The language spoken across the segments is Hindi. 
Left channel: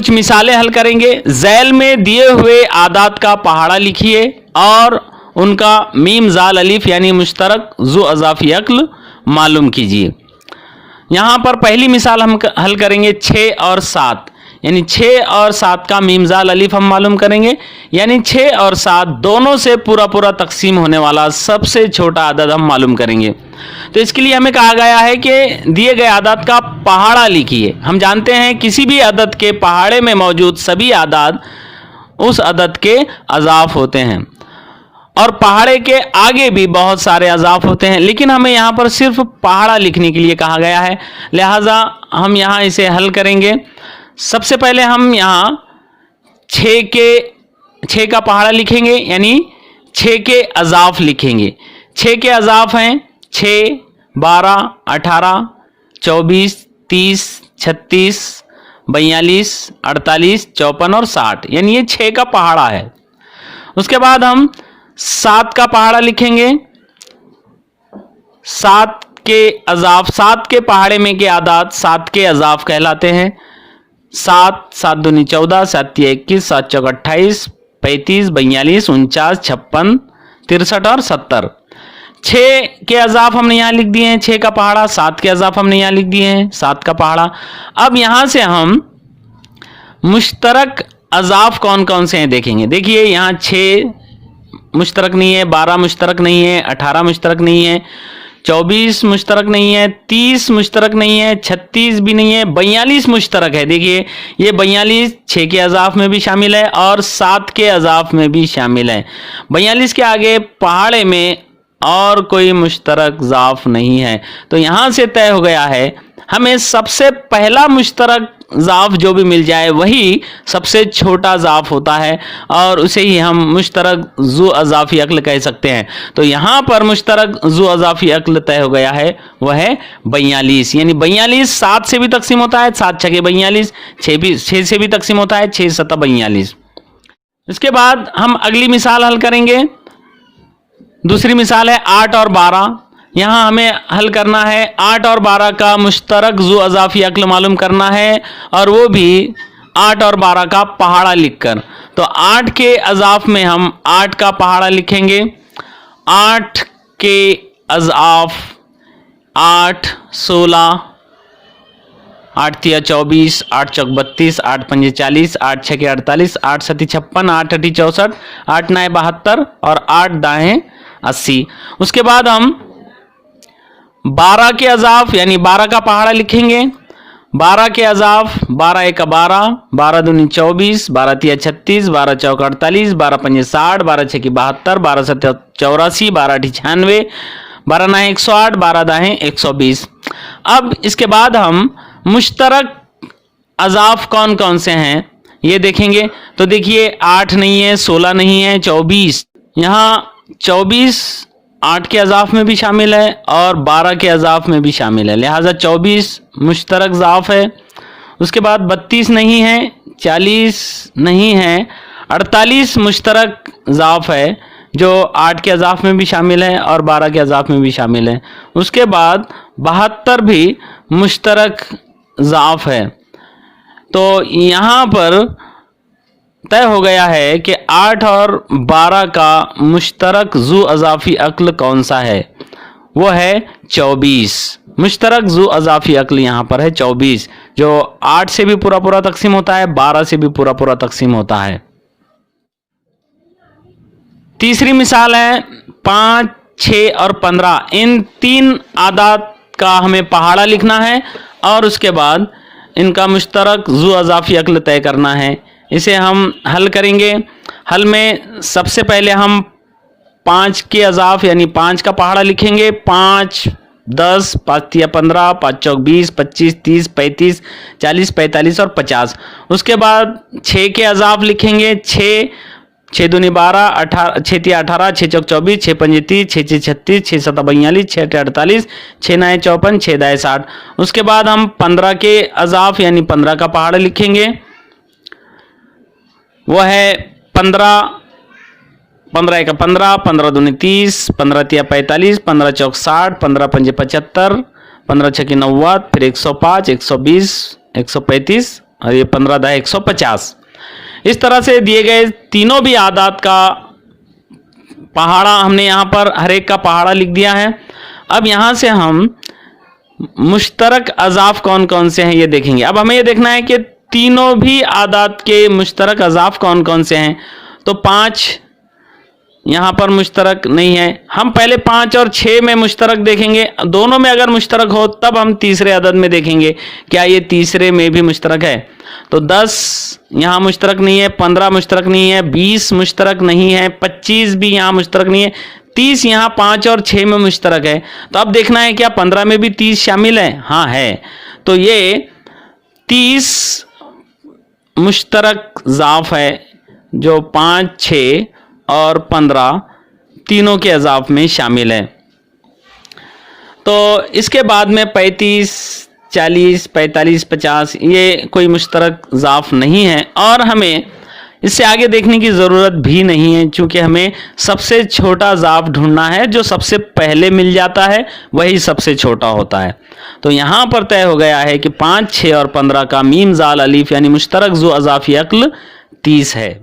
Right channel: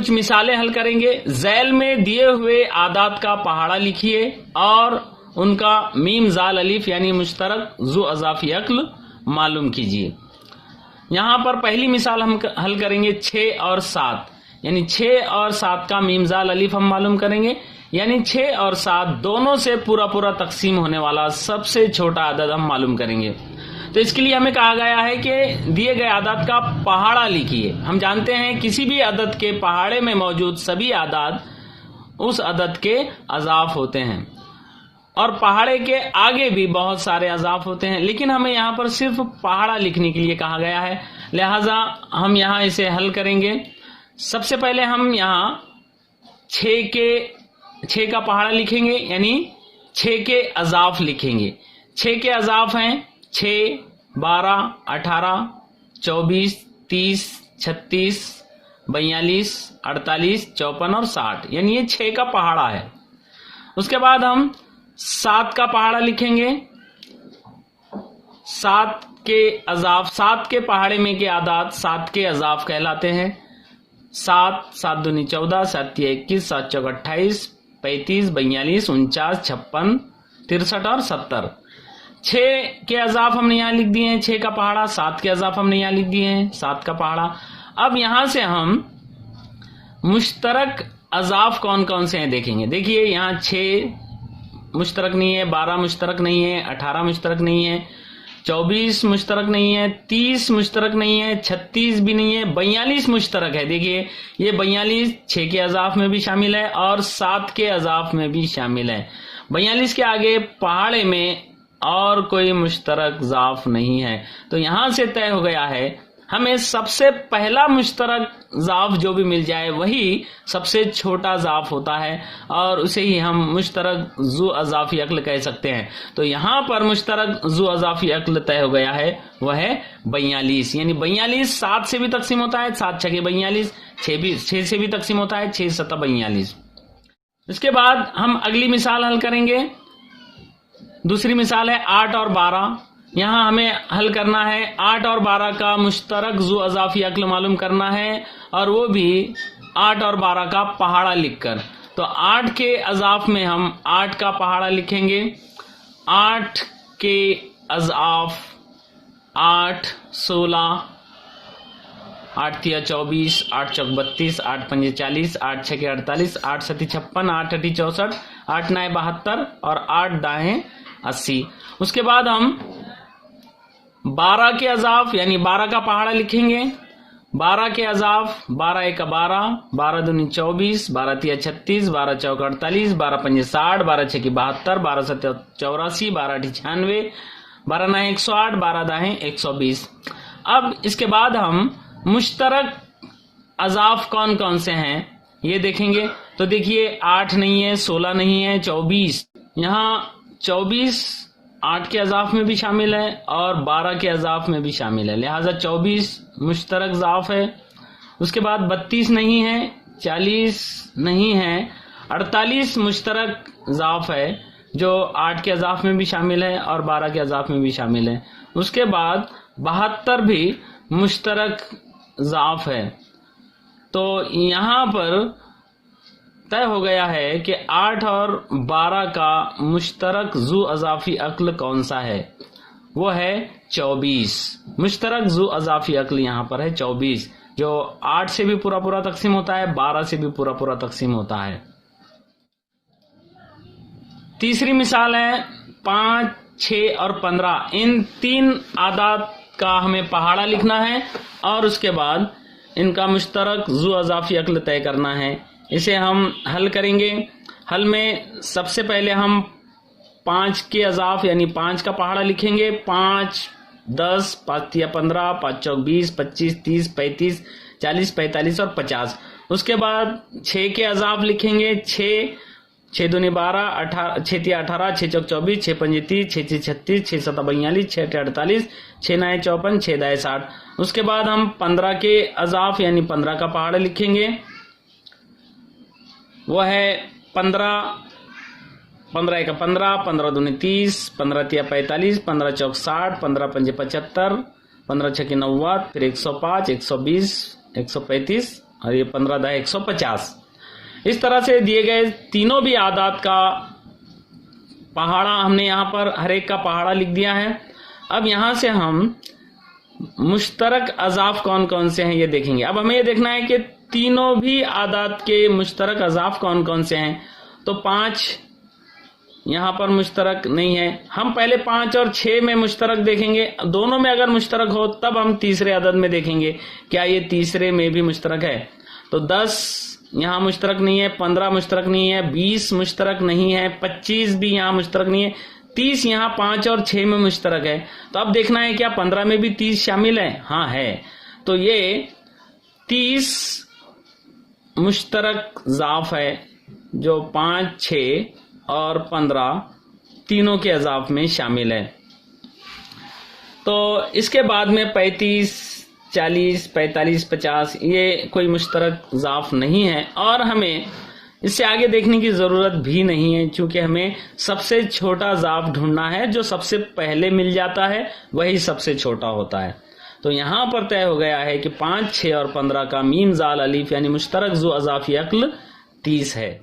कुछ मिसालें हल करेंगे। झैल में दिए हुए आदात का पहाड़ा लिखिए और उनका मीम जाल अलिफ यानी मुश्तरक जु अज़ाफ़ी अक्ल मालूम कीजिए। यहाँ पर पहली मिसाल हम हल करेंगे 6 और 7, यानी 6 और 7 का मीम जाल अलिफ हम मालूम करेंगे, यानी 6 और 7 दोनों से पूरा पूरा तकसीम होने वाला सबसे छोटा अदद हम मालूम करेंगे। तो इसके लिए हमें कहा गया है कि दिए गए आदात का पहाड़ा लिखिए। हम जानते हैं किसी भी अदद के पहाड़े में मौजूद सभी आदात उस अदद के अज़ाफ़ होते हैं और पहाड़े के आगे भी बहुत सारे अज़ाफ़ होते हैं, लेकिन हमें यहाँ पर सिर्फ पहाड़ा लिखने के लिए कहा गया है, लिहाजा हम यहाँ इसे हल करेंगे। सबसे पहले हम यहाँ 6 का पहाड़ा लिखेंगे, यानी 6 के अज़ाफ़ लिखेंगे। 6 के अज़ाफ़ हैं 6, 12, 18, 24, 30, 36, 42, 48, 54 और 60, यानी ये 6 का पहाड़ा है। उसके बाद हम 7 का पहाड़ा लिखेंगे। 7 के अज़ाफ़, 7 के पहाड़े में के आदात 7 के अज़ाफ़ कहलाते हैं। 7, 7 दूनी 14, 7 तिया 21, 7 चौक 28, 35, 42, 49, 56, 63 और 70। 6 के अज़ाफ़ हमने यहाँ लिख दिए हैं 6 का पहाड़ा, 7 के अज़ाफ़ हमने यहाँ लिख दिए हैं 7 का पहाड़ा। अब यहाँ से हम मुश्तरक अज़ाफ़ कौन कौन से हैं देखेंगे। देखिए यहाँ 6 मुश्तरक नहीं है, 12 मुश्तरक नहीं है, 18 मुश्तरक नहीं है, 24 मुश्तरक नहीं है, 30 मुश्तरक नहीं है, 36 भी नहीं है, 42 मुश्तरक है। देखिए ये 42 6 के अज़ाफ़ में भी शामिल है और 7 के अज़ाफ़ में भी शामिल है। 42 के आगे पहाड़े में और कोई मुश्तरक ज़ाफ़ नहीं है। तो यहाँ से तय हो गया है हमें सबसे पहला मुश्तरक ज़ाफ़ जो भी मिल जाए वही सबसे छोटा ज़ाफ़ होता है और उसे ही हम मुश्तरक ज़ु अज़ाफ़ी अक्ल कह सकते हैं। तो यहाँ पर मुश्तरक ज़ु अज़ाफ़ी अक्ल तय हो गया है, वह है 42, यानी 42 7 से भी तकसीम होता है, 7 छके 42, 6 से भी तकसीम होता है, 6 सता 42। इसके बाद हम अगली मिसाल हल करेंगे। दूसरी मिसाल है 8 और 12। यहाँ हमें हल करना है 8 और 12 का मुश्तरक ज़ु अज़ाफ़ी अक्ल मालूम करना है और वो भी 8 और 12 का पहाड़ा लिखकर। तो 8 के अज़ाफ़ में हम 8 का पहाड़ा लिखेंगे। 8 के अज़ाफ़ 8, 16, 8 तिया 24, 8 चौक 32, 8 पंजे 40, 8 छके 48, 8 सती 56, 8 अठी 64, 8 नाए 72 और 8 दाएं 80। उसके बाद हम 12 के अज़ाफ़ यानी 12 का पहाड़ा लिखेंगे। 12 के अज़ाफ़ 12 एक 12, 12 दूनी 24, 12 तिया 36, 12 चौक 48, 12 पंजे 60, 12 छकी 72, 12 सत 84, 12 अठी 96, 12 नाए 108, 12 दाएं 120। अब इसके बाद हम मुश्तरक अज़ाफ़ कौन कौन से हैं ये देखेंगे। तो देखिए 8 नहीं है, 16 नहीं है, 24। यहाँ 24 8 के अज़ाफ़ में भी शामिल है और 12 के अज़ाफ़ में भी शामिल है, लिहाजा 24 मुश्तरक ज़ाफ़ है। उसके बाद 32 नहीं है, 40 नहीं है, 48 मुश्तरक ज़ाफ़ है जो 8 के अज़ाफ़ में भी शामिल है और 12 के अज़ाफ़ में भी शामिल है। उसके बाद 72 भी मुश्तरक ज़ाफ़ है। तो यहाँ पर तय हो गया है कि 8 और 12 का मुश्तरक ज़ु अज़ाफ़ी अक्ल कौन सा है, वो है 24। मुश्तरक ज़ु अज़ाफ़ी अक्ल यहाँ पर है 24, जो 8 से भी पूरा पूरा तकसीम होता है, 12 से भी पूरा पूरा तकसीम होता है। तीसरी मिसाल है 5, 6 और 15। इन 3 आदात का हमें पहाड़ा लिखना है और उसके बाद इनका मुश्तरक ज़ु अज़ाफ़ी अक्ल तय करना है। इसे हम हल करेंगे। हल में सबसे पहले हम 5 के अज़ाफ़ यानी 5 का पहाड़ा लिखेंगे। 5, 10, 5 तिया 15, 5 चौक 20, 25, 30, 35, 40, 45 और 50। उसके बाद 6 के अज़ाफ़ लिखेंगे। 6 दूनी 12, 6 तिया 18, 6 चौक 24, 6 पंजे 30, 6 छे 36, 6 सता 42, 6 अठे 48, 6 नाए 54, 6 दाए 60। उसके बाद हम 15 के अज़ाफ़ यानी 15 का पहाड़ा लिखेंगे। वो है 15, 15 एक 15, 15 दूनी 30, 15 तिया 45, 15 चौक 60, 15 पंजे 75, 15 छकी 90, फिर 105, 120, 135 और ये 15 10 150। इस तरह से दिए गए तीनों भी आदात का पहाड़ा हमने यहाँ पर हर एक का पहाड़ा लिख दिया है। अब यहाँ से हम मुश्तरक अज़ाफ कौन कौन से हैं ये देखेंगे। अब हमें ये देखना है कि तीनों भी आदात के मुश्तरक अज़ाफ कौन कौन से हैं। तो 5 यहाँ पर मुश्तरक नहीं है, हम पहले 5 और 6 में मुश्तरक देखेंगे। दोनों में अगर मुश्तरक हो तब हम तीसरे अदद में देखेंगे क्या ये तीसरे में भी मुश्तरक है। तो 10 यहाँ मुश्तरक नहीं है, 15 मुश्तरक नहीं है, 20 मुश्तरक नहीं है, 25 भी यहाँ मुश्तरक नहीं है, 30 यहाँ 5 और 6 में मुश्तरक है। तो अब देखना है क्या 15 में भी 30 शामिल है। हाँ है। तो ये 30 मुश्तरक ज़ाफ है जो 5 6 और 15 तीनों के अज़ाफ में शामिल है। तो इसके बाद में 35 40 45 50 ये कोई मुश्तरक ज़ाफ नहीं है और हमें इससे आगे देखने की ज़रूरत भी नहीं है, क्योंकि हमें सबसे छोटा ज़ाफ ढूंढना है। जो सबसे पहले मिल जाता है वही सबसे छोटा होता है। तो यहाँ पर तय हो गया है कि 5 6 और 15 का मीम जाल अलीफ यानी मुश्तरक ज़ू अज़ाफ़ी अक्ल 30 है।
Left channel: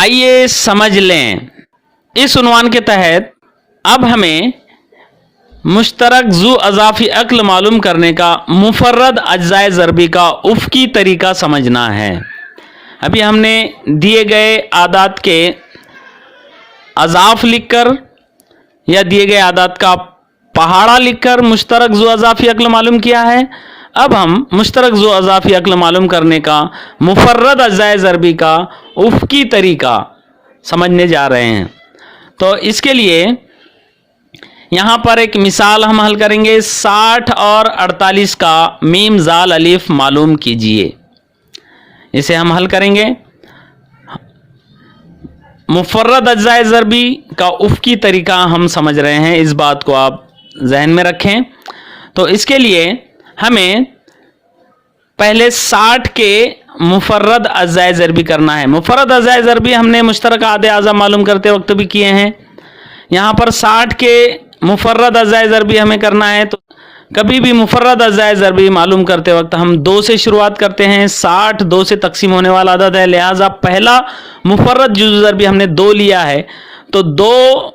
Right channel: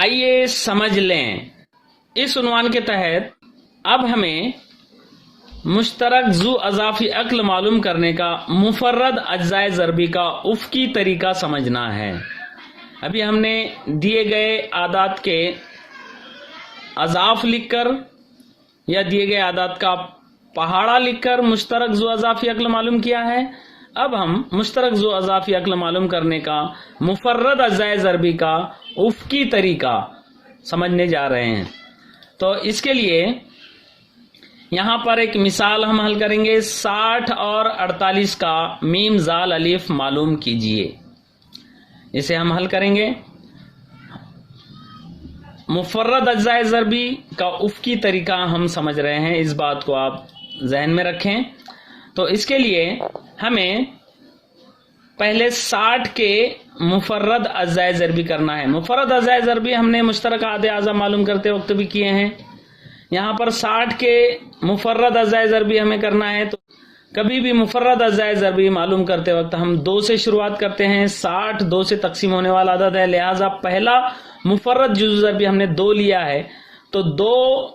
आइए समझ लें, इस उन्वान के तहत अब हमें मुश्तरक ज़ू अज़ाफ़ी अक्ल मालूम करने का मुफर्रद अज्ज़ाए ज़रबी का उफ़की तरीका समझना है। अभी हमने दिए गए आदात के अज़ाफ़ लिखकर या दिए गए आदात का पहाड़ा लिखकर मुश्तरक ज़ू अज़ाफ़ी अक्ल मालूम किया है। अब हम मुश्तरक ज़ू अज़ाफ़ी अक्ल मालूम करने का मुफर्रद अज्ज़ाए ज़रबी का उफ़की तरीका समझने जा रहे हैं। तो इसके लिए यहाँ पर एक मिसाल हम हल करेंगे। 60 और 48 का मीम जाल अलिफ मालूम कीजिए। इसे हम हल करेंगे। मुफर्रद अज्ज़ाए ज़रबी का उफ़की तरीका हम समझ रहे हैं, इस बात को आप जहन में रखें। तो इसके लिए हमें पहले 60 के मुफर्रद अज्ज़ाए ज़रबी करना है। मुफर्रद अज्ज़ाए ज़रबी हमने मुश्तरक आदे आज़ा मालूम करते वक्त भी किए हैं। यहाँ पर 60 के मुफर्रद अज्ज़ाए ज़रबी हमें करना है। तो कभी भी मुफर्रद अज्ज़ाए ज़रबी मालूम करते वक्त हम 2 से शुरुआत करते हैं। 60 2 से तकसीम होने वाला अदद है, लिहाजा पहला मुफर्रद जुज़ ज़रबी हमने 2 लिया है। तो 2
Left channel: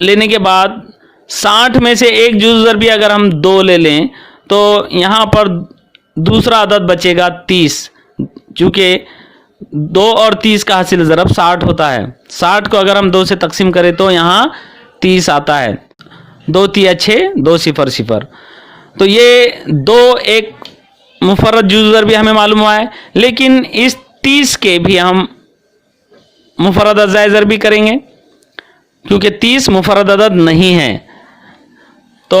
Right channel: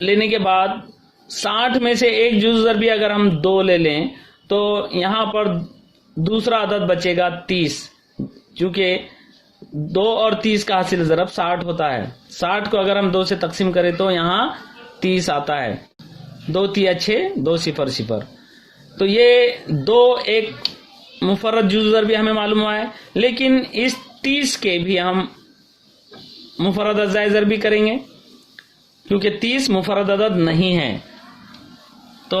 लेने के बाद 60 में से एक जुज़ ज़रबी अगर हम 2 ले लें तो यहाँ पर दूसरा अदद बचेगा 30, चूँकि 2 और 30 का हासिल ज़रब 60 होता है। 60 को अगर हम 2 से तकसीम करें तो यहाँ 30 आता है। 2 3 6 2 0 0। तो ये 2 एक मुफर्रद जुज़ ज़रबी हमें मालूम हुआ है, लेकिन इस 30 के भी हम मुफर्रद अज्ज़ाए ज़रबी करेंगे क्योंकि 30 मुफर्रद अदद नहीं है। तो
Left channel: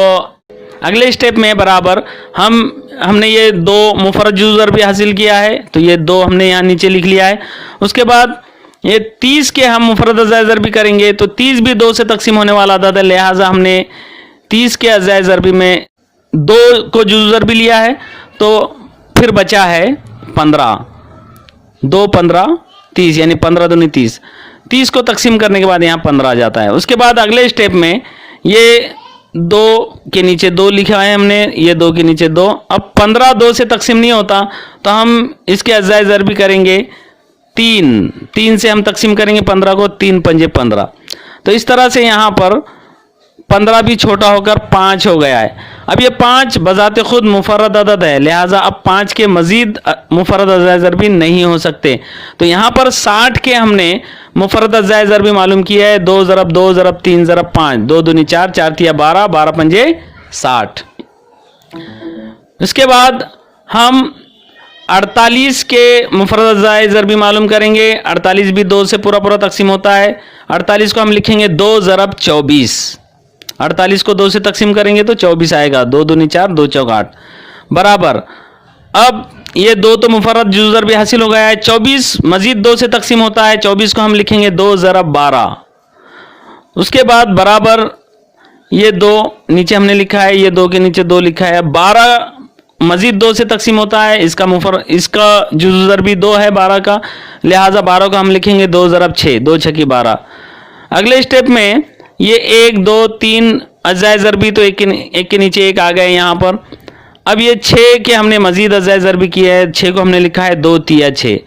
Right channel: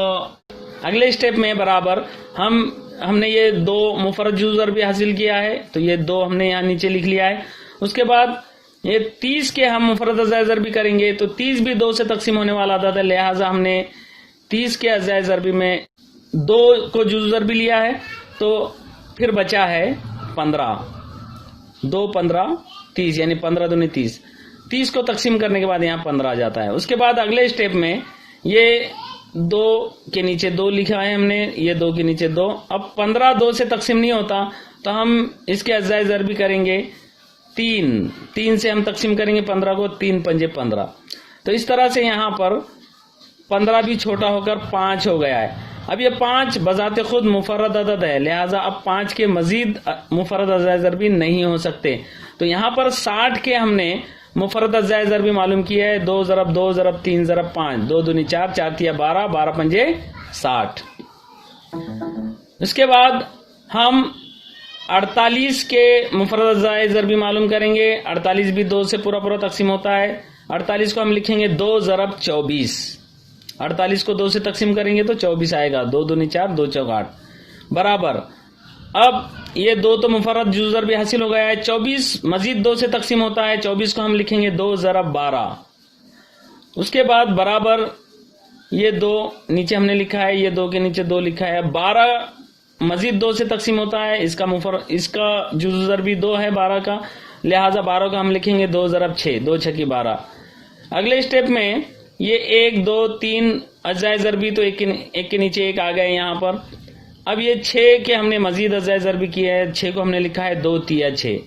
अगले स्टेप में बराबर हमने ये 2 मुफर्रद जुज़ ज़रबी हासिल किया है, तो ये 2 हमने यहाँ नीचे लिख लिया है। उसके बाद ये 30 के हम मुफर्रद अज्ज़ाए ज़रबी करेंगे तो 30 भी 2 से तकसीम होने वाला अदद है, लिहाजा हमने 30 के अज्ज़ाए ज़रबी में 2 को जुज़ ज़रबी लिया है। तो फिर बचा है 15, 2 15 30 यानी 15 दूनी 30। 30 को तकसीम करने के बाद यहाँ 15 आ जाता है। उसके बाद अगले स्टेप में ये 2 के नीचे 2 लिखा है हमने, ये 2 के नीचे 2। अब 15 2 से तकसीम नहीं होता तो हम इसके अज्ज़ाए ज़रबी करेंगे 3 से हम तकसीम करेंगे 15 को, 3 पंजे 15। तो इस तरह से यहाँ पर 15 भी छोटा होकर 5 हो गया है। अब ये 5 बज़ाते खुद मुफर्रद अदद है, लिहाजा अब 5 के मज़ीद मुफर्रद अज्ज़ाए ज़रबी नहीं हो सकते। तो यहाँ पर 60 के हमने मुफर्रद अज्ज़ाए ज़रबी मालूम किया है। 2 ज़रब 2 ज़रब 3 ज़रब 5, 2 दूनी 4 4 तिया 12 12 पंजे 60। उसके बाद हम 48 के मुफर्रद अज्ज़ाए ज़रबी मालूम करेंगे। 48 भी 2 से पूरा पूरा तकसीम होता है। 48 को हम लिखेंगे 2 ज़रब 24। 48 को 2 से तकसीम करेंगे तो 24 आएगा। 2 दूनी 4 2 चौक 8 बराबर अब ये 2 तो मुफर्रद जुज़ू ज़रबी हासिल हो गया है। 24 मजीद 2 से तकसीम होता है। 24 को हम लिखेंगे 2 ज़रब 12। उसके बाद बराबर ये 2 नीचे हमने लिखा है, ये 2 के नीचे 2 लिखा है। 12 मजीद 2 से तकसीम होता है। इसका जुज़ू ज़रबी 2 है 12 का, लिहाजा 12 को हम लिखेंगे 2 ज़रब 6, 2 छकी 12। अगले स्टेप में ये 1 2 3 अज़ाए ज़रबी तो एक के नीचे एक आ गए यहाँ पर। अब ये 6 के हमने मजीद अज़ाए ज़रबी किया है, 6 को हमने लिखा है 2 तिया 6।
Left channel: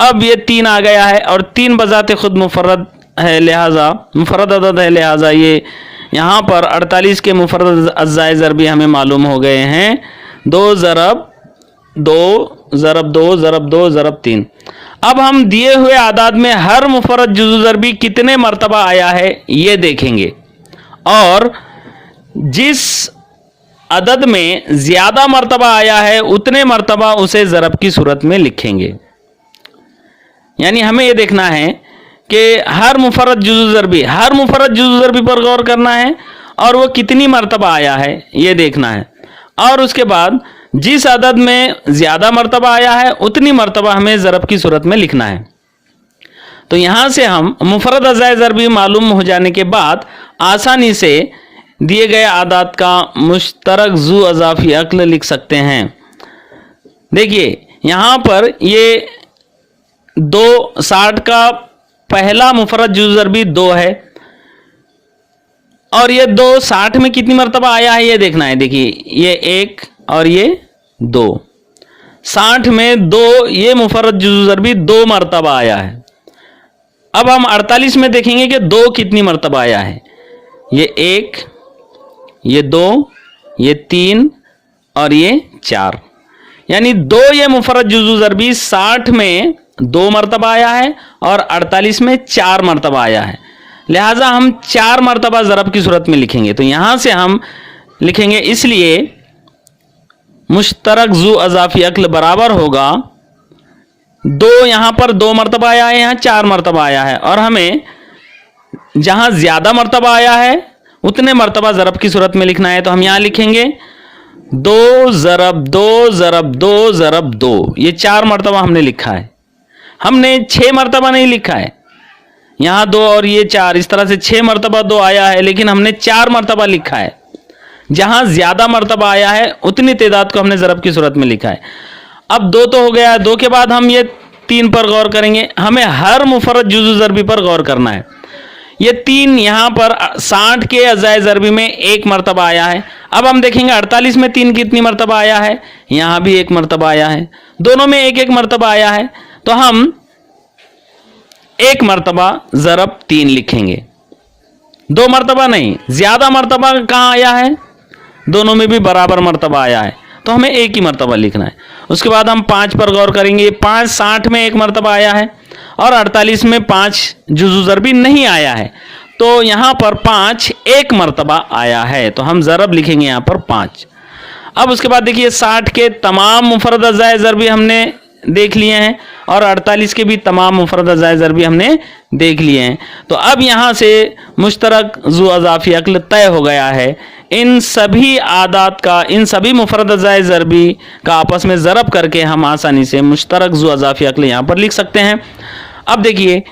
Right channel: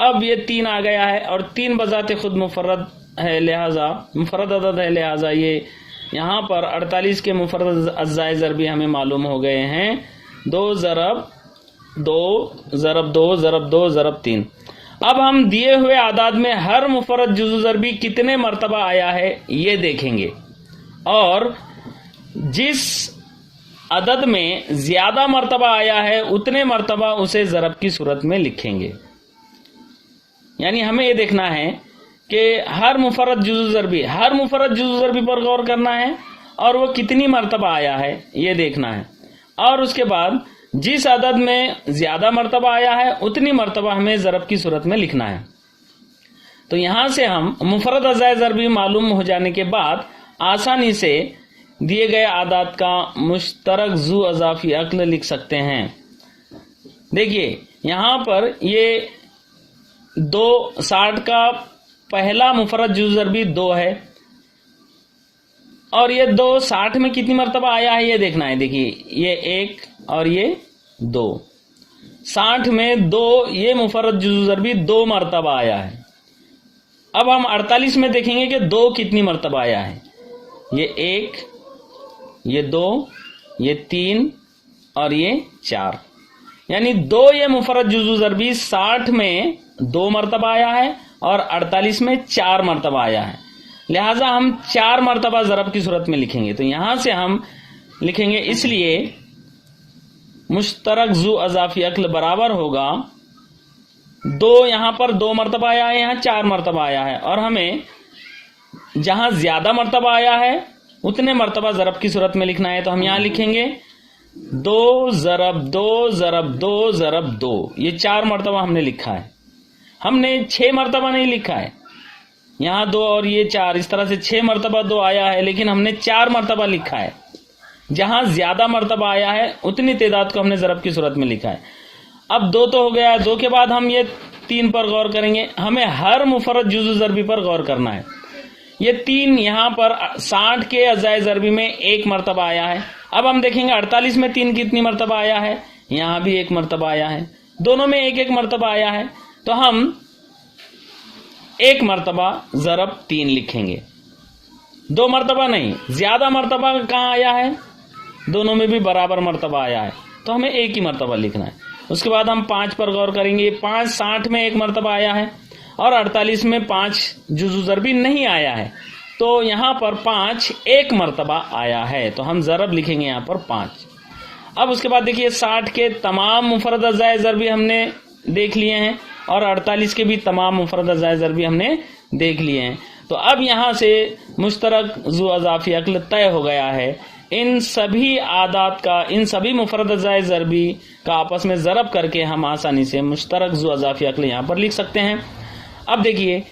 अब ये 3 आ गया है और 3 बजाते खुद मुफर्रद है, लिहाजा मुफर्रद अदद है, लिहाजा ये यहाँ पर 48 के मुफर्रद अज़ाए ज़रबी हमें मालूम हो गए हैं। 2 ज़रब 2 ज़रब 2 ज़रब 2 ज़रब 3। अब हम दिए हुए आदाद में हर मुफर्रद जुज़ू ज़रबी कितने मरतबा आया है ये देखेंगे, और जिस अदद में ज़्यादा मरतबा आया है उतने मरतबा उसे ज़रब की सूरत में लिखेंगे। यानी हमें ये देखना है कि हर मुफर्रद जुज़ू ज़रबी पर गौर करना है और वो कितनी मरतबा आया है ये देखना है, और उसके बाद जिस अदद में ज़्यादा मरतबा आया है उतनी मरतबा हमें ज़रब की सूरत में लिखना है। तो यहाँ से हम मुफर्रद अज़ाए ज़रबी मालूम हो जाने के बाद आसानी से दिए गए आदाद का मुश्तरक ज़ू अज़ाफ़ी अक्ल लिख सकते हैं। देखिए यहाँ पर ये 60 का पहला मुफर्रद जुज़ू ज़रबी 2 है, और ये 60 में कितनी मरतबा आया है ये देखना है। देखिए ये 1 और ये 2, 60 में 2 ये मुफर्रद जुज़ू ज़रबी 2 मरतबा आया है। अब हम 48 में देखेंगे कि 2 कितनी मरतबा आया है। ये 1, ये 2, ये 3 और ये 4, यानी 2 ये मुफर्रद जुज़ू ज़रबी 60 में 2 मरतबा आया है और 48 में 4 मरतबा आया है, लिहाजा हम 4 मरतबा ज़रब की सूरत में लिखेंगे। तो यहाँ से हम लिखेंगे, इसलिए मुश्तरक ज़ू अज़ाफ़ी अक्ल बराबर होगा 2, यहाँ पर 2 मरतबा आया है, यहाँ 4 मरतबा आया है, और हमें जहाँ ज़्यादा मरतबा आया है उतने मरतबा ज़रब की सूरत में लिखना है। तो हम यहाँ लिखेंगे 2 ज़रब 2 ज़रब 2 ज़रब 2, ये 4 मरतबा हमने लिखा है। हमने 6 मरतबा नहीं लिखा है, यहाँ 2 और ये 4, इस तरह से 6 मरतबा 2 आया है, लेकिन हमने 4 मरतबा लिखा है। जहाँ ज़्यादा मरतबा आया है उतनी तादाद को हमने ज़रब की सूरत में लिखा है। अब 2 तो हो गया, 2 के बाद हम ये 3 पर गौर करेंगे। हमें हर मुफर्रद जुज़ू ज़रबी पर गौर करना है। ये 3 यहाँ पर 60 के अज़ाए ज़रबी में 1 मरतबा आया है। अब हम देखेंगे 48 में 3 कितनी मरतबा आया है, यहाँ भी 1 मरतबा आया है, दोनों में 1-1 मरतबा आया है। तो हम 1 मरतबा ज़रब 3 लिखेंगे, 2 मरतबा नहीं, ज़्यादा मरतबा कहाँ आया है, दोनों में भी बराबर मरतबा आया है, तो हमें 1 ही मरतबा लिखना है। उसके बाद हम 5 पर गौर करेंगे। 5 60 में 1 मरतबा आया है और 48 में 5 जुज़ू ज़रबी नहीं आया है, तो यहाँ पर 5 1 मरतबा आया है, तो हम ज़रब लिखेंगे यहाँ पर 5। अब उसके बाद देखिए 60 के तमाम मुफर्रद अज़ाए ज़रबी हमने देख लिए हैं और 48 के भी तमाम मुफर्रद अज़ाए ज़रबी हमने देख लिए हैं। तो अब यहाँ से मुश्तरक ज़ू अज़ाफ़ी अक्ल तय हो गया है। इन सभी आदात का, इन सभी मुफर्रद अज़ाए ज़रबी का आपस में ज़रब करके हम आसानी से मुश्तरक ज़ू अज़ाफ़ी अक्ल यहाँ पर लिख सकते हैं। अब देखिए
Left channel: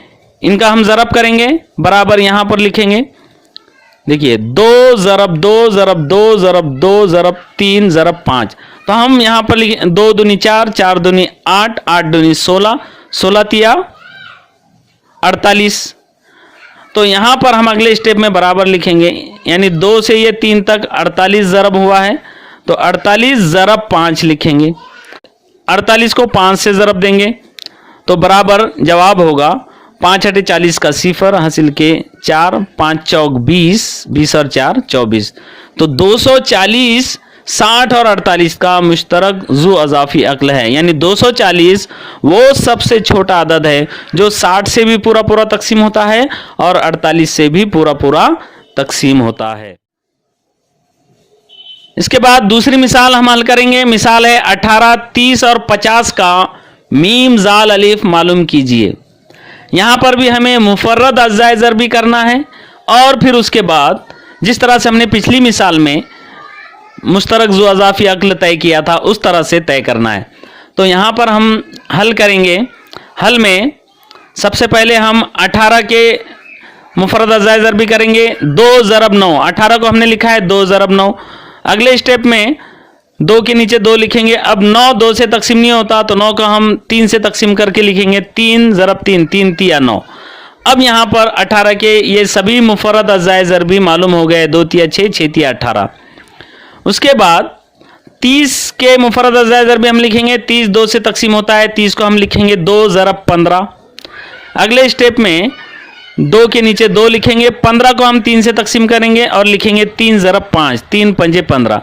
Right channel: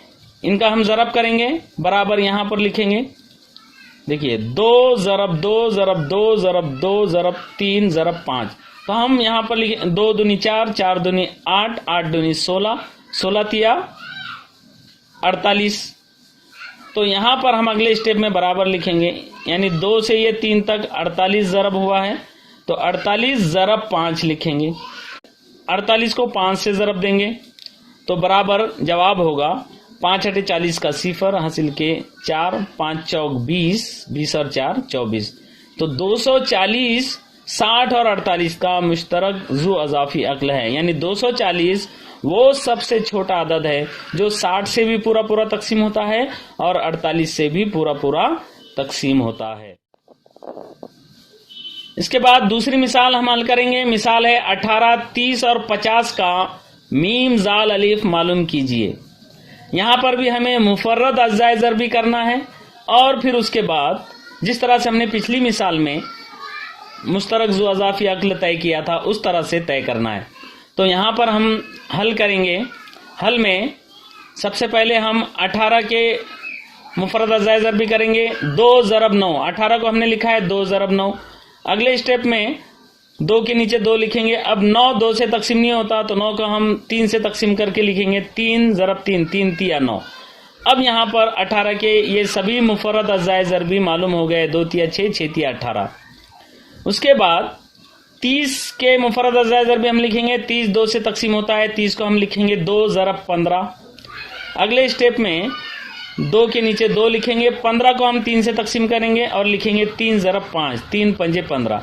इनका हम ज़रब करेंगे, बराबर यहाँ पर लिखेंगे। देखिए 2 ज़रब 2 ज़रब 2 ज़रब 2 ज़रब 3 ज़रब 5, तो हम यहाँ पर लिखें 2 दूनी 4, 4 दूनी 8, 8 दूनी 16, 16 तिया 48। तो यहाँ पर हम अगले स्टेप में बराबर लिखेंगे, यानी 2 से ये 3 तक 48 ज़रब हुआ है, तो 48 ज़रब 5 लिखेंगे। 48 को 5 से ज़रब देंगे तो बराबर जवाब होगा 5 × 40 का 0 हासिल के 4, 5 चौक 20, 20 और 4 24। तो 240 60 और 48 का मुश्तरक ज़ू अज़ाफ़ी अक्ल है, यानी 240 वो सबसे छोटा अदद है जो 60 से भी पूरा पूरा तकसीम होता है और 48 से भी पूरा पूरा तकसीम होता है। इसके बाद दूसरी मिसाल हम हल करेंगे। मिसाल है 18, 30 और 50 का मीम जाल अलिफ मालूम कीजिए। यहाँ पर भी हमें मुफर्रद अज़ाए ज़रबी करना है और फिर उसके बाद जिस तरह से हमने पिछली मिसाल में मुश्तरक ज़ू अज़ाफ़ी अक्ल तय किया था उस तरह से तय करना है। तो यहाँ पर हम हल करेंगे। हल में सबसे पहले हम 18 के मुफरद अज़ाए ज़रबी करेंगे। 2 ज़रब 9, 18 को हमने लिखा है 2 ज़रब 9। अगले स्टेप में 2 के नीचे 2 लिखेंगे। अब 9 2 से तकसीम नहीं होता तो 9 को हम 3 से तकसीम करके लिखेंगे। 3 ज़रब 3, 3 तिया 9। अब यहाँ पर 18 के ये सभी मुफरद अज़ाए ज़रबी मालूम हो गए। 2 तिया 6, 6 तिया 18। उसके बाद 30 के मुफरद अज़ाए ज़रबी हम लिखेंगे। 30 2 से तकसीम होता है, 30 को हम लिखेंगे 2 ज़रब 15। अगले स्टेप में 2 के नीचे 2 लिखेंगे। 15 को हम 3 से तकसीम करेंगे और लिखेंगे 3 ज़रब 5, 3 पंजे 15।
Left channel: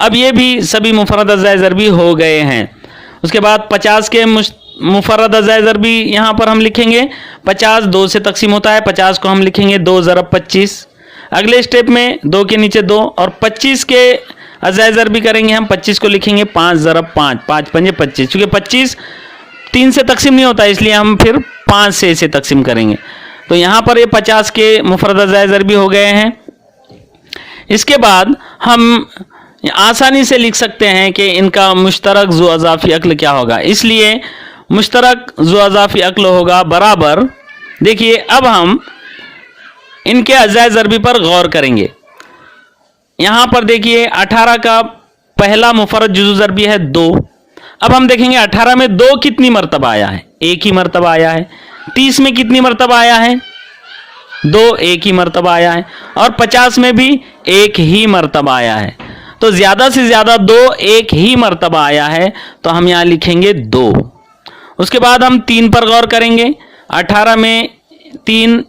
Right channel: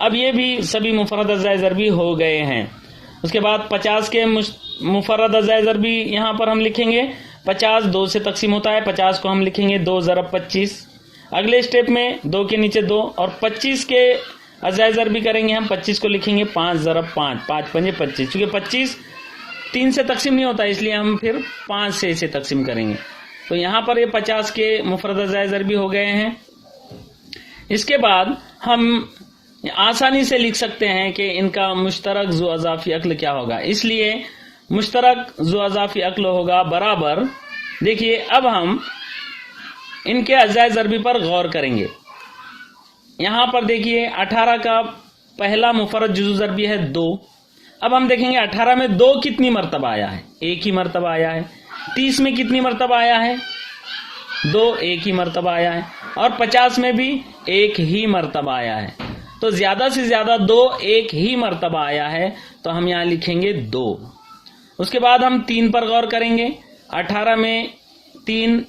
अब ये भी सभी मुफरद अज़ाए ज़रबी हो गए हैं। उसके बाद 50 के मुफरद अज़ाए ज़रबी यहाँ पर हम लिखेंगे। 50 2 से तकसीम होता है, 50 को हम लिखेंगे 2 ज़रब 25। अगले स्टेप में 2 के नीचे 2 और 25 के अज़ाए ज़रबी करेंगे हम। 25 को लिखेंगे 5 ज़रब 5, 5 पंजे 25। चूँकि 25 3 से तकसीम नहीं होता इसलिए हम फिर 5 से इसे तकसीम करेंगे। तो यहाँ पर ये 50 के मुफरद अज़ाए ज़रबी हो गए हैं। इसके बाद हम आसानी से लिख सकते हैं कि इनका मुश्तरक ज़ू अज़ाफ़ी अक्ल क्या होगा। इसलिए मुश्तरक ज़ू अज़ाफ़ी अक्ल होगा बराबर, देखिए अब हम इनके अज़ाए ज़रबी पर गौर करेंगे। यहाँ पर देखिए 18 का पहला मुफरद जुज़ू ज़रबी है 2। अब हम देखेंगे 18 में 2 कितनी मरतबा आया है, 1 ही मरतबा आया है। 30 में कितनी मरतबा आया है, 2, 1 ही मरतबा आया है। और 50 में भी 1 ही मरतबा आया है। तो ज़्यादा से ज़्यादा 2 1 ही मरतबा आया है, तो हम यहाँ लिखेंगे 2। उसके बाद हम 3 पर गौर करेंगे। 18 में 3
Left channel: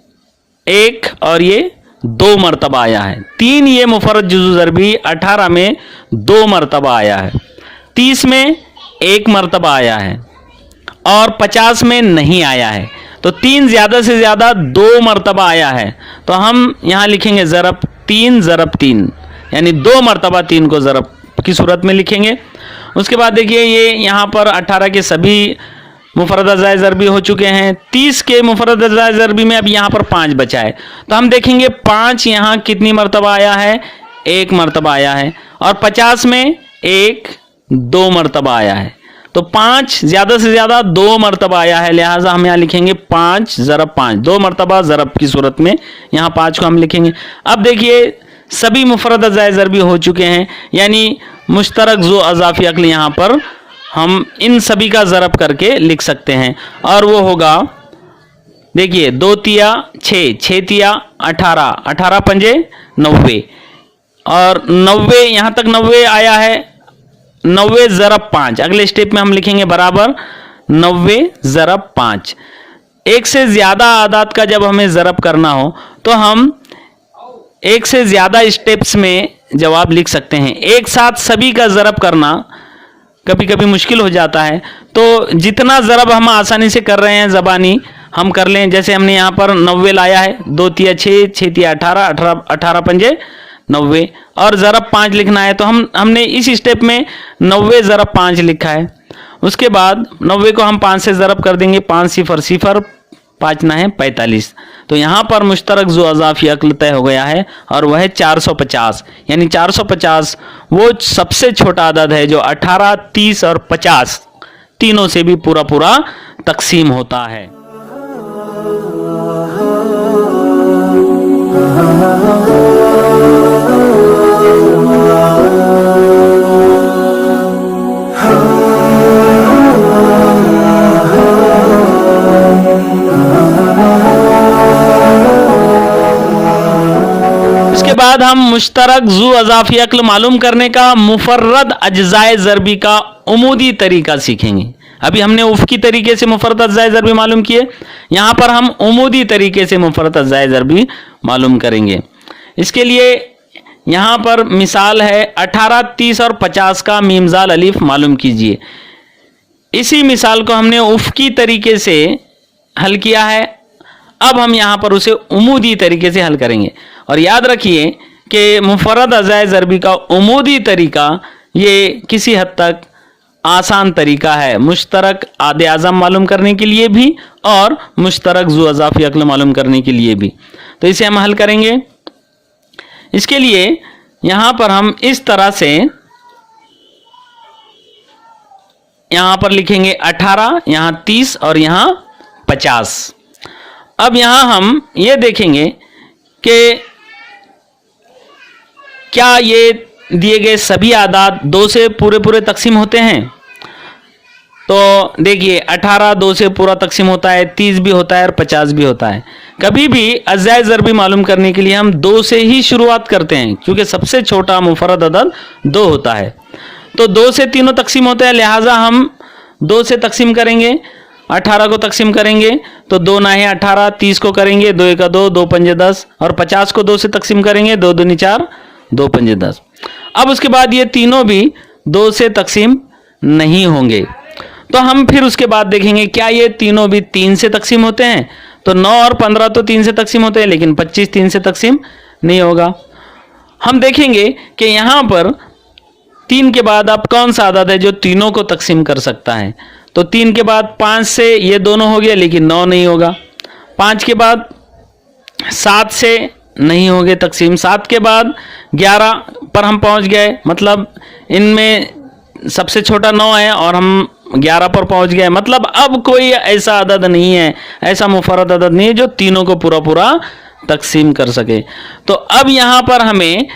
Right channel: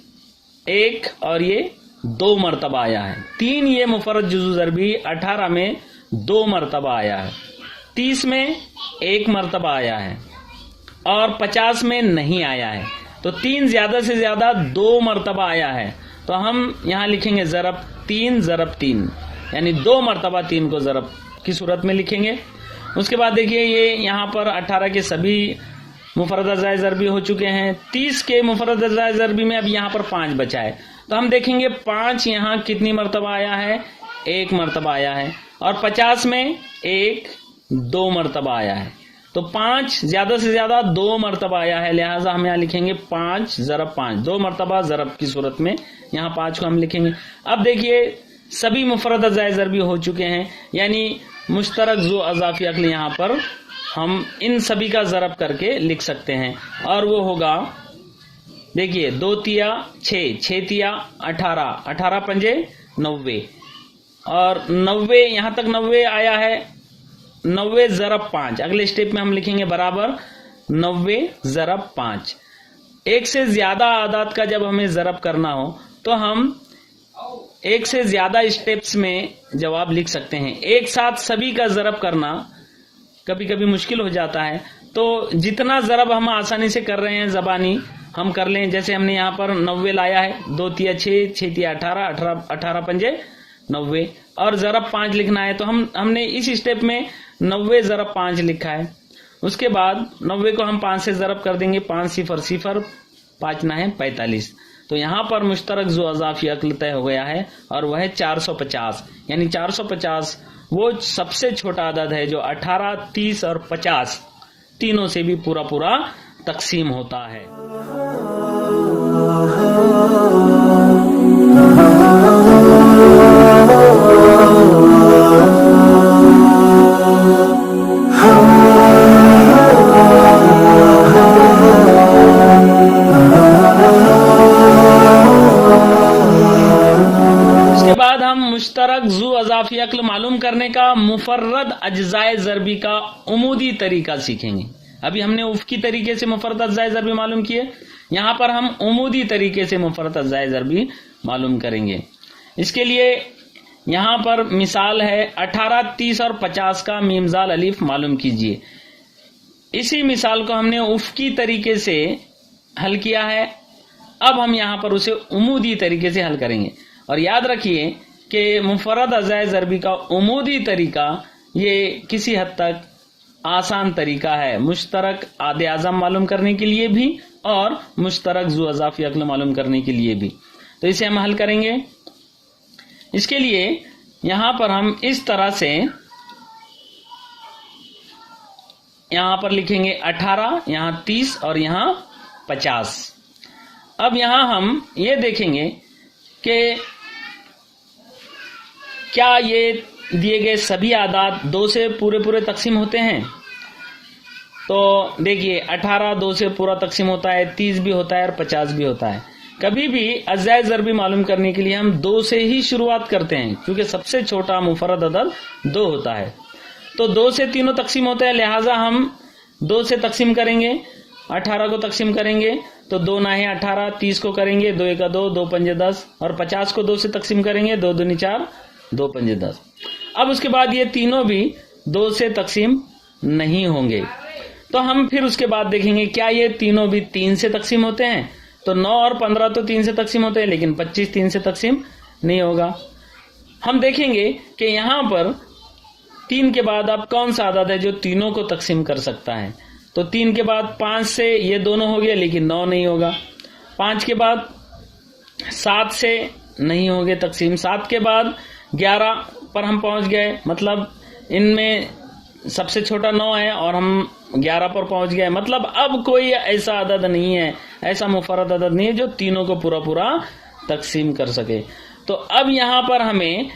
1 और ये 2 मरतबा आया है। 3 ये मुफरद जुज़ू ज़रबी 18 में 2 मरतबा आया है। 30 में 1 मरतबा आया है और 50 में नहीं आया है। तो 3 ज़्यादा से ज़्यादा 2 मरतबा आया है, तो हम यहाँ लिखेंगे ज़रब 3 ज़रब 3, यानी 2 मरतबा 3 को ज़रब की सूरत में लिखेंगे। उसके बाद देखिए ये यहाँ पर 18 के सभी मुफरद अज़ाए ज़रबी हो चुके हैं। 30 के मुफरद अज़ाए ज़रबी में अब यहाँ पर 5 बचा है, तो हम देखेंगे 5 यहाँ कितनी मरतबा आया है, 1 मरतबा आया है। और 50 में 1 2 मरतबा आया है। तो 5 ज़्यादा से ज़्यादा 2 मरतबा आया है, लिहाजा हम यहाँ लिखेंगे 5 ज़रब 5, 2 मरतबा ज़रब की सूरत में यहाँ 5 को हम लिखेंगे। अब देखिए सभी मुफरद अज़ाए ज़रबी हो चुके हैं, यानी मुश्तरक ज़ू अज़ाफ़ी अक्ल यहाँ पर हम इन सभी का ज़रब करके लिख सकते हैं। और वो होगा, देखिए 2 तिया 6, 6 तिया 18, 18 पंजे 90 और 90 यहाँ तक 90 आया है। 90 ज़रब 5, अगले स्टेप में हम लिखेंगे बराबर 90 ज़रब 5। एक से ज़्यादा आदाद का जब हमें ज़रब करना हो तो हम एक से ज़्यादा स्टेप्स में जवाब लिख सकते हैं। एक साथ सभी का ज़रब करना कभी कभी मुश्किल हो जाता है, तो जितना ज़रब हम आसानी से कर रहे हैं ज़बानी हम कर लें। जैसे हमने यहाँ पर 90 लाया है, 2 तिया 6, 6 तिया 18, 18 पंजे 90 और ज़रब 5 लिखना है, तो हमने इस स्टेप में 90 ज़रब 5 लिखा है। उसके बाद 90 को हम 5 से ज़रब कर देंगे, 5 सिफर सिफर 5 ना है 45। तो यहाँ पर मुश्तरक ज़ू अज़ाफ़ी अक्ल तय हो गया है और वह है 450। यानी 450 वो सबसे छोटा अदद है जो 18, 30 और 50 तीनों से भी पूरा पूरा तकसीम होता है। बाद हम मुश्तरक ज़ू अज़ाफ़ी अक्ल मालूम करने का मुफर्रद अज्ज़ाए ज़रबी का उमूदी तरीका सीखेंगे। अभी हमने उफ़की तरीके से मुफर्रद अज्ज़ाए ज़रबी मालूम किए, यहाँ पर हम उमूदी तरीके से मुफर्रद अज्ज़ाए ज़रबी मालूम करेंगे। इसके लिए यहाँ पर मिसाल है 18, 30 और 50 का मीम ज़ाल अलिफ मालूम कीजिए। इसी मिसाल को हमने उफ़की तरीके से हल किया है, अब हम यहाँ पर उसे उमूदी तरीके से हल करेंगे। और याद रखिए कि मुफर्रद अज़ाए ज़रबी का उमूदी तरीका ये किसी हद तक आसान तरीका है मुश्तरक आदे आज़म मालूम करने के लिए भी और मुश्तरक ज़ू अज़ाफ़ी अक्ल मालूम करने के लिए भी। तो इसे हम हल करेंगे। इसके लिए यहां पर हम इस तरह से यहां पर लिखेंगे 18, यहां 30 और यहां 50। अब यहां हम ये देखेंगे कि क्या ये दिए गए सभी आदाद 2 से पूरे पूरे तकसीम होते हैं। तो देखिए 18 2 से पूरा तकसीम होता है, 30 भी होता है और 50 भी होता है। कभी भी अज़ाए ज़रबी मालूम करने के लिए हम 2 से ही शुरुआत करते हैं, क्योंकि सबसे छोटा मुफरद अदद 2 होता है। तो 2 से तीनों तकसीम होते हैं, लिहाजा हम 2 से तकसीम करेंगे। 18 को तकसीम करेंगे तो 2 नाहे 18, 30 को करेंगे 2 एका 2, 2 पंजे 10 और 50 को 2 से तकसीम करेंगे 2 दूनी 4, 2 पंजे 10। अब उसके बाद ये तीनों भी 2 से तकसीम नहीं होंगे, तो हम फिर उसके बाद देखेंगे क्या ये तीनों भी 3 से तकसीम होते हैं। तो 9 और 15 तो 3 से तकसीम होते हैं, लेकिन 25 3 से तकसीम नहीं होगा। हम देखेंगे कि यहाँ पर 3 के बाद अब कौन सा आदद है जो तीनों को तकसीम कर सकता है। तो 3 के बाद 5 से ये दोनों हो गए, लेकिन 9 नहीं होगा। 5 के बाद 7 से नहीं होंगे तकसीम। 7 के बाद 11 पर हम पहुंच गए, मतलब इनमें सबसे छोटा 9 है और हम 11 पर पहुंच गए। मतलब अब कोई ऐसा अदद नहीं है, ऐसा मुफरद अदद नहीं है जो तीनों को पूरा पूरा तकसीम कर सके। तो अब यहाँ पर हमें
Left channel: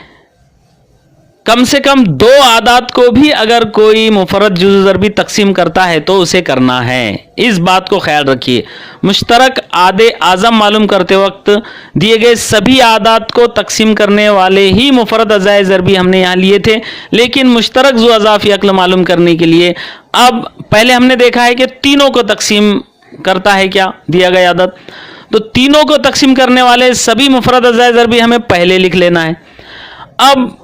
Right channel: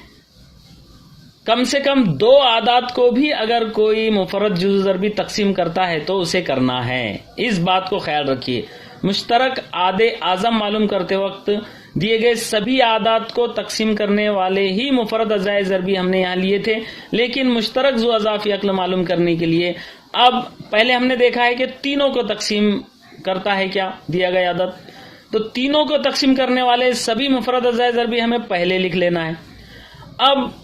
कम से कम 2 आदाद को भी अगर कोई मुफरद जुज़ ज़रबी तकसीम करता है तो उसे करना है। इस बात को ख्याल रखिए। मुश्तरक आदे आज़म मालूम करते वक्त दिए गए सभी आदाद को तकसीम करने वाले ही मुफरद अज़ाए ज़रबी हमने यहाँ लिए थे, लेकिन मुश्तरक ज़ु अज़ाफ़ी अक्ल मालूम करने के लिए अब पहले हमने देखा है कि तीनों को तकसीम करता है क्या दिया गया आदद। तो तीनों को तकसीम करने वाले सभी मुफरद अज़ाए ज़रबी हमें पहले लिख लेना है। अब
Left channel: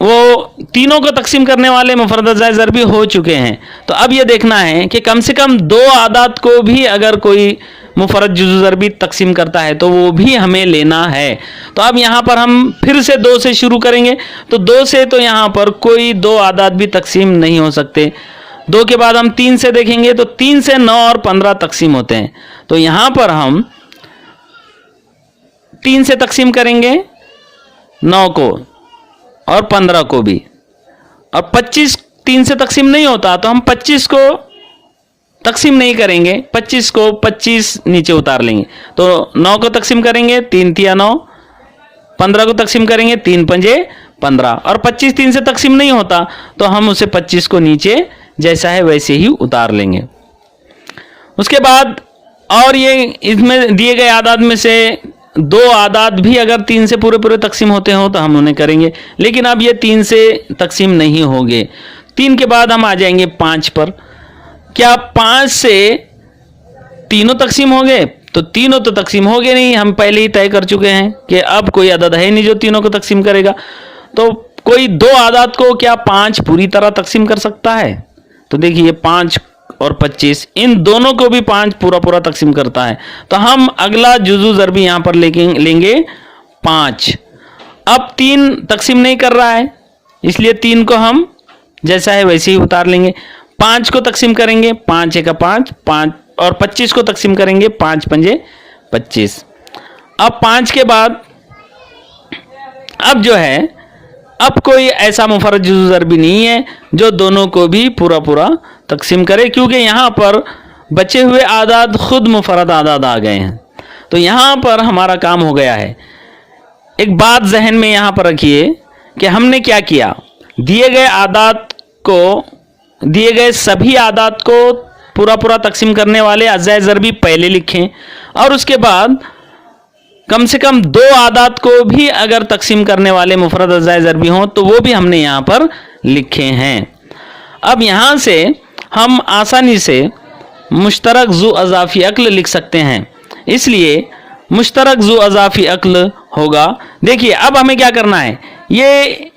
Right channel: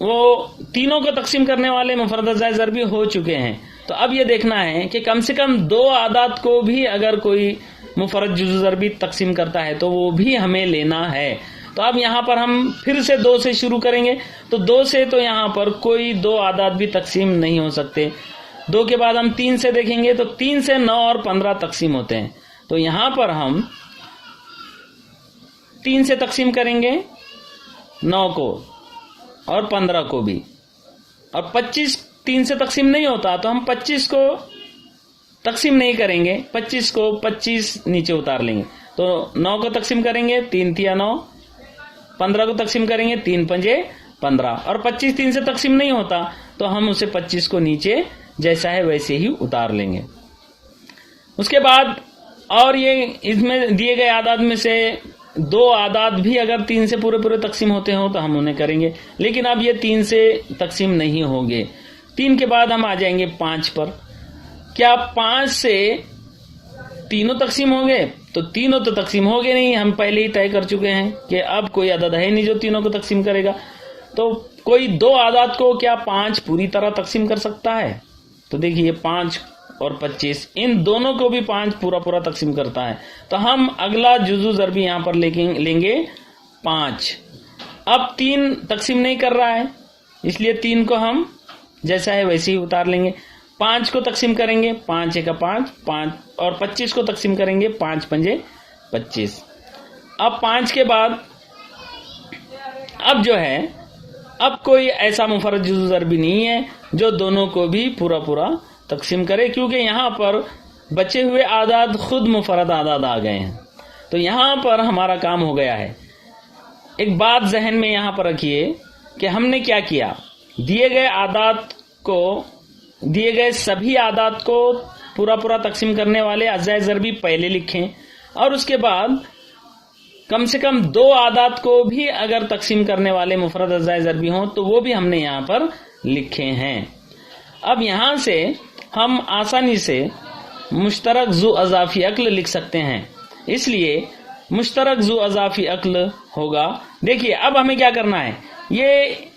वो तीनों को तकसीम करने वाले मुफरद अज़ाए ज़रबी हो चुके हैं, तो अब ये देखना है कि कम से कम 2 आदाद को भी अगर कोई मुफरद जुज़ ज़रबी तकसीम करता है तो वो भी हमें लेना है। तो अब यहाँ पर हम फिर से 2 से शुरू करेंगे। तो 2 से तो यहाँ पर कोई 2 आदाद भी तकसीम नहीं हो सकते। 2 के बाद हम 3 से देखेंगे तो 3 से 9 और 15 तकसीम होते हैं। तो यहाँ पर हम 3 से तकसीम करेंगे 9 को और 15 को भी, और 25 3 से तकसीम नहीं होता तो हम 25 को तकसीम नहीं करेंगे, 25 को 25 नीचे उतार लेंगे। तो 9 को तकसीम करेंगे 3 तिया 9, 15 को तकसीम करेंगे 3 पंजे 15, और 25 3 से तकसीम नहीं होता तो हम उसे 25 को नीचे जैसा है वैसे ही उतार लेंगे। उसके बाद और ये इसमें दिए गए आदाद में से 2 आदाद भी अगर 3 से पूरे पूरे तकसीम होते हो तो हम उन्हें करेंगे, लेकिन अब ये 3 से तकसीम नहीं होंगे। 3 के बाद हम आ जाएंगे 5 पर। क्या 5 से तीनों तकसीम हो गए? तो तीनों तो तकसीम हो गए नहीं, हम पहले ही तय कर चुके हैं कि अब कोई आदद है नहीं जो तीनों को तकसीम करेगा। तो कोई 2 आदाद को क्या 5 पूरी तरह तकसीम कर सकता है? तो देखिए 5 और 25 इन दोनों को भी 5 पूरा पूरा तकसीम करता है। तो हम अगला जुज़ू ज़रबी यहाँ पर लेंगे 5। अब 3 तकसीम नहीं कर रहा है, इसलिए 3 को हम जैसा है वैसे ही उतार लेंगे। 5 को तकसीम करेंगे 5 एका 5, 5 और 25 को तकसीम करेंगे 5 पंजे 25। अब 5 के बाद अब जो है अब कोई ऐसा मुफरद जुज़ू ज़रबी नहीं है जो दोनों को भी पूरा पूरा तकसीम करे, क्योंकि यहाँ पर बचे हुए आदाद खुद मुफरद आदाद आ गए हैं। तो यहाँ पर हमारा काम हो गया है। एक बात जहन में यहाँ पर रखिए कि हमने क्या किया, दिए गए आदाद को दिए गए सभी आदाद को पूरा पूरा तकसीम करने वाले अज़ाए ज़रबी पहले लिखें, और उसके बाद कम से कम 2 आदाद को भी अगर तकसीम करने वाले मुफरद अज़ाए ज़रबी हों तो वो भी हमने यहाँ पर लिखे हैं। अब यहाँ से हम आसानी से मुश्तरक ज़ु अज़ाफ़ी अक्ल लिख सकते हैं, इसलिए मुश्तरक ज़ु अज़ाफ़ी अक्ल होगा। देखिए अब हमें क्या करना है, ये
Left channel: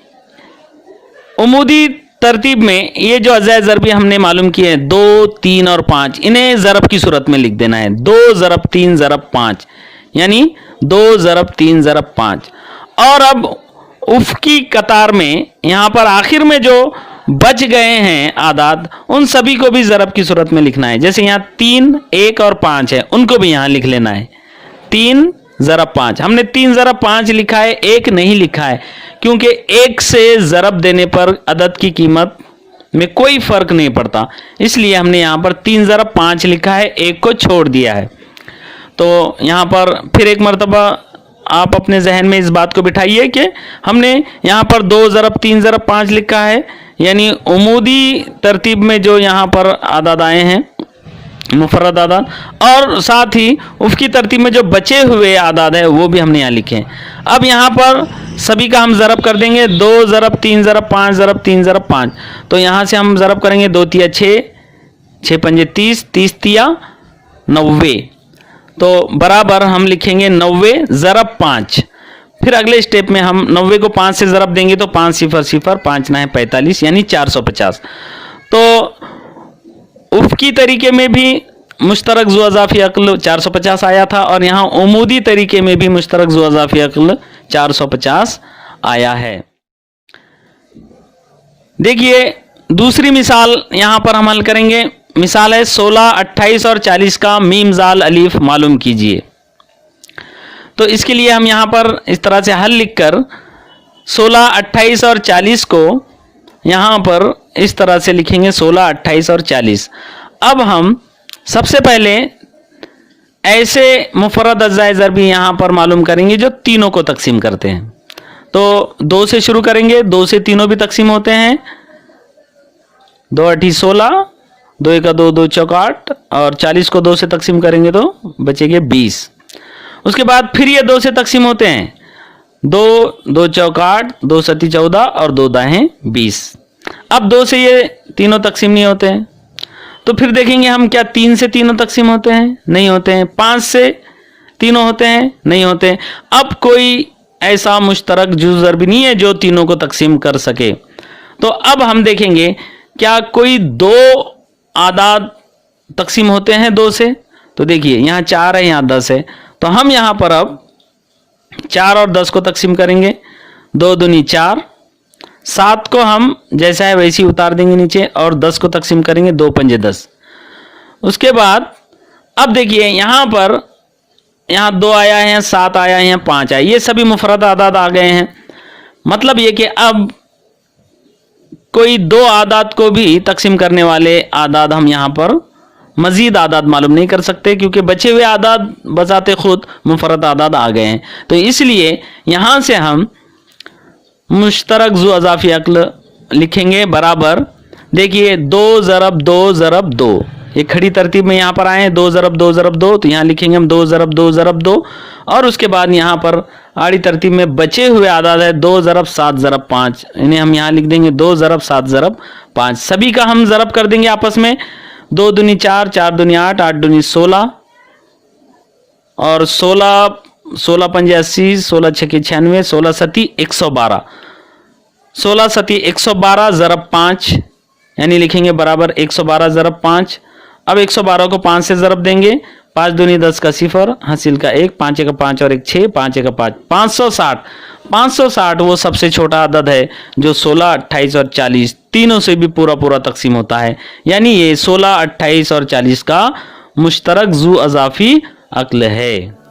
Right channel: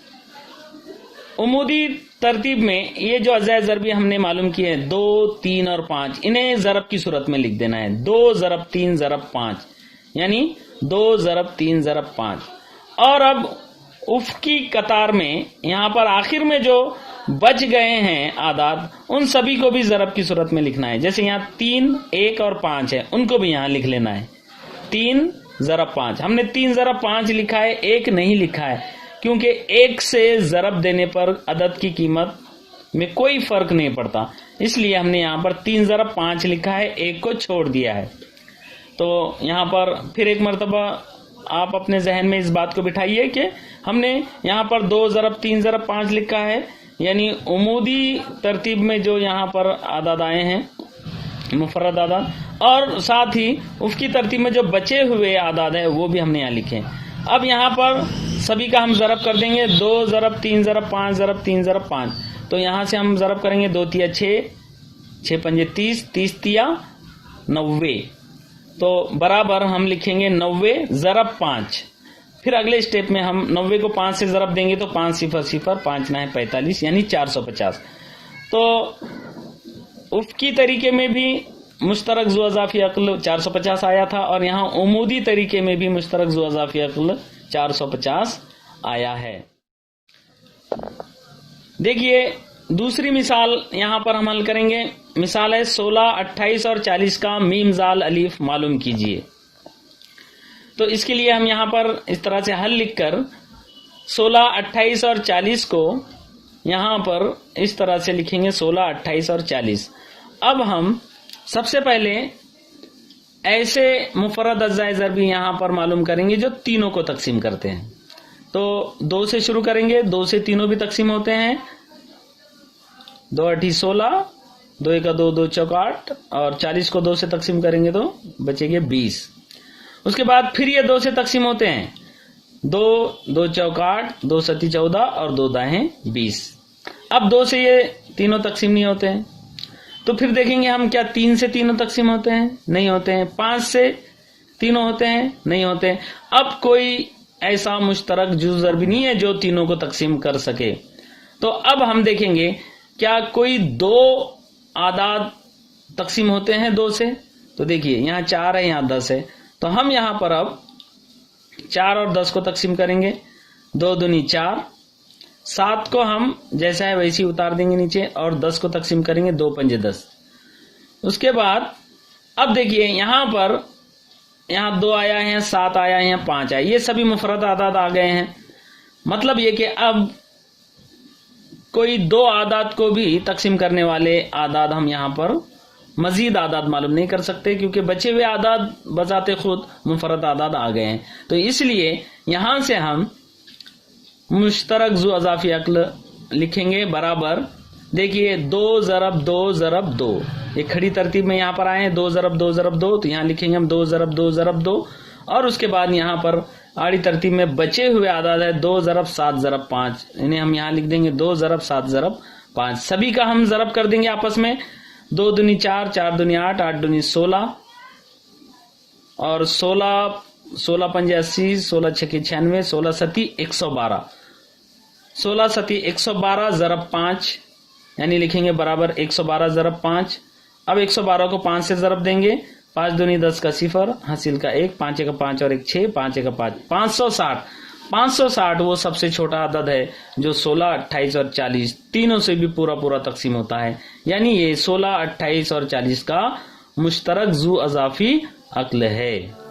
उमूदी तरतीब में ये जो अज़ाए ज़रबी हमने मालूम किए हैं 2, 3 और 5, इन्हें ज़रब की सूरत में लिख देना है। 2 ज़रब 3 ज़रब 5, यानी 2 ज़रब 3 ज़रब 5। और अब उफ़की कतार में यहाँ पर आखिर में जो बच गए हैं आदाद उन सभी को भी ज़रब की सूरत में लिखना है। जैसे यहाँ 3, 1 और 5 है, उनको भी यहाँ लिख लेना है। 3 ज़रब 5, हमने 3 ज़रब 5 लिखा है, 1 नहीं लिखा है क्योंकि एक से ज़रब देने पर अदद की कीमत में कोई फर्क नहीं पड़ता, इसलिए हमने यहाँ पर 3 ज़रब 5 लिखा है, एक को छोड़ दिया है। तो यहाँ पर फिर एक मरतबा आप अपने जहन में इस बात को बिठाइए कि हमने यहाँ पर 2 ज़रब 3 ज़रब 5 लिखा है, यानी उमूदी तरतीब में जो यहाँ पर आदाद आए हैं मुफर्रद आदाद, और साथ ही उसकी तरतीब में जो बचे हुए आदाद है वो भी हमने यहाँ लिखे हैं। अब यहाँ पर सभी का हम ज़रब कर देंगे, 2 ज़रब 3 ज़रब 5 ज़रब 3 ज़रब 5। तो यहाँ से हम ज़रब करेंगे, 2 तिया 6, 6 पंजे 30, 30 तिया 90। तो बराबर हम लिखेंगे 90 ज़रब 5। फिर अगले स्टेप में हम 90 को 5 से ज़रब देंगे तो 5 0 0, 5 9 45, यानी 450। तो उफ़की तरीके में भी मुश्तरक ज़ू अज़ाफ़ी अक़्ल 450 आया था, और यहाँ उमूदी तरीके में भी मुश्तरक ज़ू अज़ाफ़ी अक़्ल 450 आया है। देखिए दूसरी मिसाल यहाँ पर हम हल करेंगे। मिसाल है 16, 28 और 40 का मीम ज़ाल अलीफ मालूम कीजिए। तो इसके लिए हम यहाँ पर इस तरह से हल लिखकर 16, 28 और 40 को यहाँ पर इस तरह से लिखेंगे, 16, 28 और 40। अब हम सबसे पहले ऐसे मुफर्रद अज़्ज़ाए ज़रबी यहाँ पर मालूम करेंगे जो तीनों को तकसीम करते हैं। तो 2 से शुरू करेंगे, 2 से तीनों भी तकसीम होते हैं। 2 8 16, 2 1 2, 2 4 8, और 40 को 2 से तकसीम करेंगे तो बचेंगे 20। उसके बाद फिर ये 2 से तकसीम होते हैं, 2 2 4 8, 2 7 14 और 2 दाएं 20। अब 2 से ये तीनों तकसीम नहीं होते हैं, तो फिर देखेंगे हम क्या 3 से तीनों तकसीम होते हैं, नहीं होते हैं। 5 से तीनों होते हैं, नहीं होते हैं। अब कोई ऐसा मुश्तरक जुज़ ज़रबी नहीं है जो तीनों को तकसीम कर सके। तो अब हम देखेंगे क्या कोई 2 आदाद तकसीम होते हैं 2 से। तो देखिए यहाँ 4 है, यहाँ 10 है, तो हम यहाँ पर अब 4 और 10 को तकसीम करेंगे। 2 दूनी 4, 7 को हम जैसा है वैसे ही उतार देंगे नीचे, और 10 को तकसीम करेंगे, 2 पंजे 10। उसके बाद अब देखिए यहाँ पर, यहाँ 2 आया है, 7 आया है, 5 आया, ये सभी मुफर्रद आदाद आ गए हैं। मतलब ये कि अब कोई 2 आदाद को भी तकसीम करने वाले आदाद हम यहाँ पर मज़ीद आदाद मालूम नहीं कर सकते, क्योंकि बचे हुए आदाद बजाते खुद मुफर्रद आदाद आ गए हैं। तो इसलिए यहाँ से हम मुश्तरक ज़ू अज़ाफ़ी अक़्ल लिखेंगे बराबर, देखिए 2 ज़रब 2 ज़रब 2, ये खड़ी तरतीब में यहाँ पर आए, 2 ज़रब 2 ज़रब 2, तो यहाँ लिखेंगे हम 2 ज़रब 2 ज़रब 2, और उसके बाद यहाँ पर आड़ी तरतीब में बचे हुए आदाद है 2 ज़रब 7 ज़रब 5, इन्हें हम यहाँ लिख देंगे 2 ज़रब 7 ज़रब 5। सभी का हम ज़रब कर देंगे आपस में, 2 दूनी 4, 4 दूनी 8, 8 दूनी 16, और 16 पंजे 80, 16 छक्के 96, 16 सती 112, 16 सती 112 ज़रब 5, यानी लिखेंगे बराबर 112 ज़रब 5। अब 112 को 5 से ज़रब देंगे, 5 दूनी 10 का 0, हासिल का 1, 5 का 5 और 1 6, 5 का 5, 560। 560 वो सबसे छोटा अदद है जो 16, 28 और 40 तीनों से भी पूरा पूरा तकसीम होता है, यानी ये 16, 28 और 40 का मुश्तरक ज़ू अज़ाफ़ी अक़्ल है।